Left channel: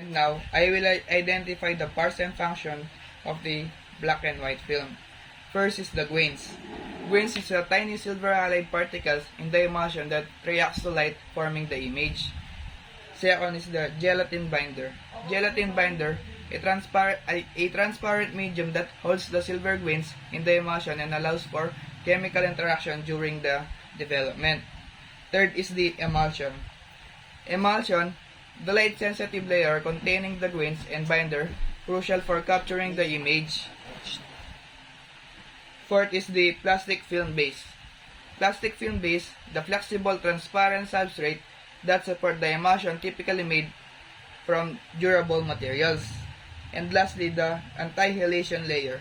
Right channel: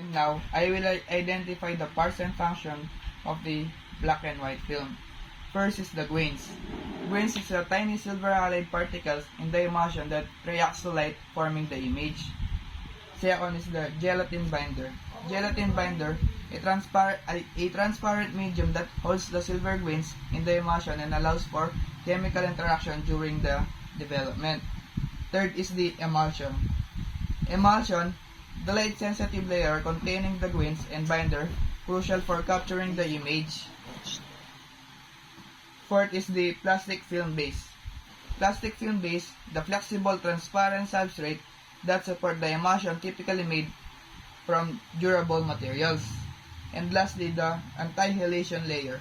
And now, I will identify the parts and function of the black and white film. First is the grains. Grains is a tiny silver halide particles in the emulsion that reacts to light, forming the image. Second is the gelatin binder. Gelatin binder, a transparent medium that holds the silver grains in the emulsion and allows for chemical interaction during the development. Third is the emulsion. Emulsion, the light-sensitive layer containing the grains and binder, crucial for capturing the image. Fourth is the plastic film base. Plastic film base, the flexible transparent substrate that support the emulsion typically made from durable materials. And lastly, the anti-halation layer.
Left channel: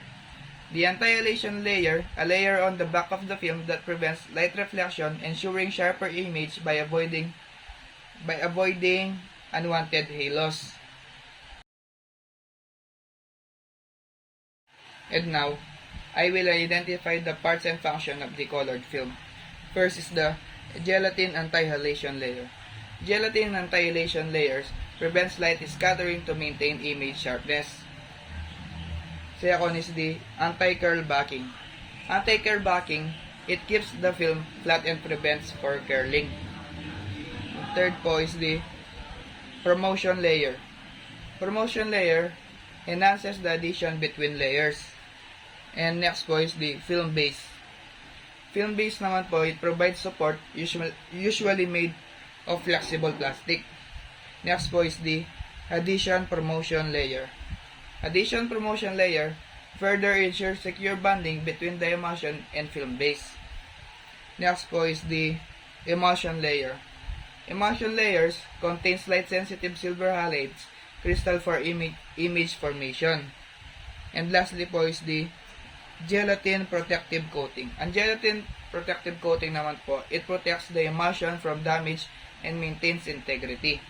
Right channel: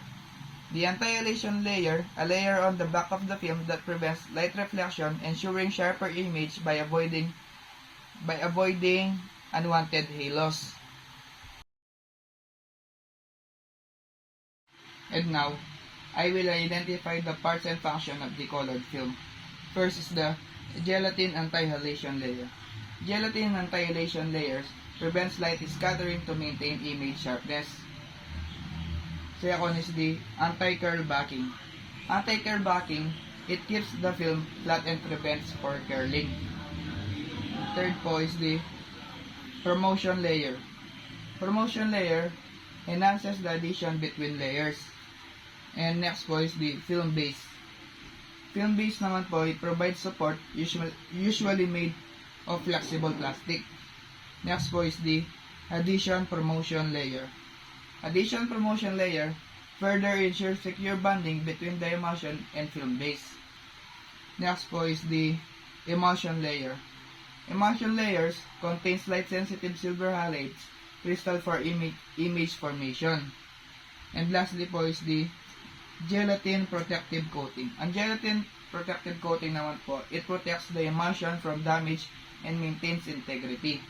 The anti-halation layer, a layer on the back of the film that prevents light reflection, ensuring sharper image by avoiding unwanted halos. And now, I will identify the parts and function of the colored film. First is the gelatin anti-halation layer. Gelatin anti-halation layers prevents light scattering to maintain image sharpness. Second is the anti-curl backing. Anti-curl backing, it keeps the film flat and prevents for curling. Third po is the promotion layer. Promotion layer enhances the adhesion between layers. And next po is the film base. Film base naman po, it provides support usually made of flexible plastic. Next po is the adhesion promotion layer. Adhesion promotion layer further ensures secure bonding between the emulsion and film base. Next po is the emulsion layer. Emulsion layers contains light-sensitive silver halides crystal for image formation. And lastly po is the gelatin protective coating. Ang gelatin protective coating naman po, it protects the emulsion from damage and maintains integrity.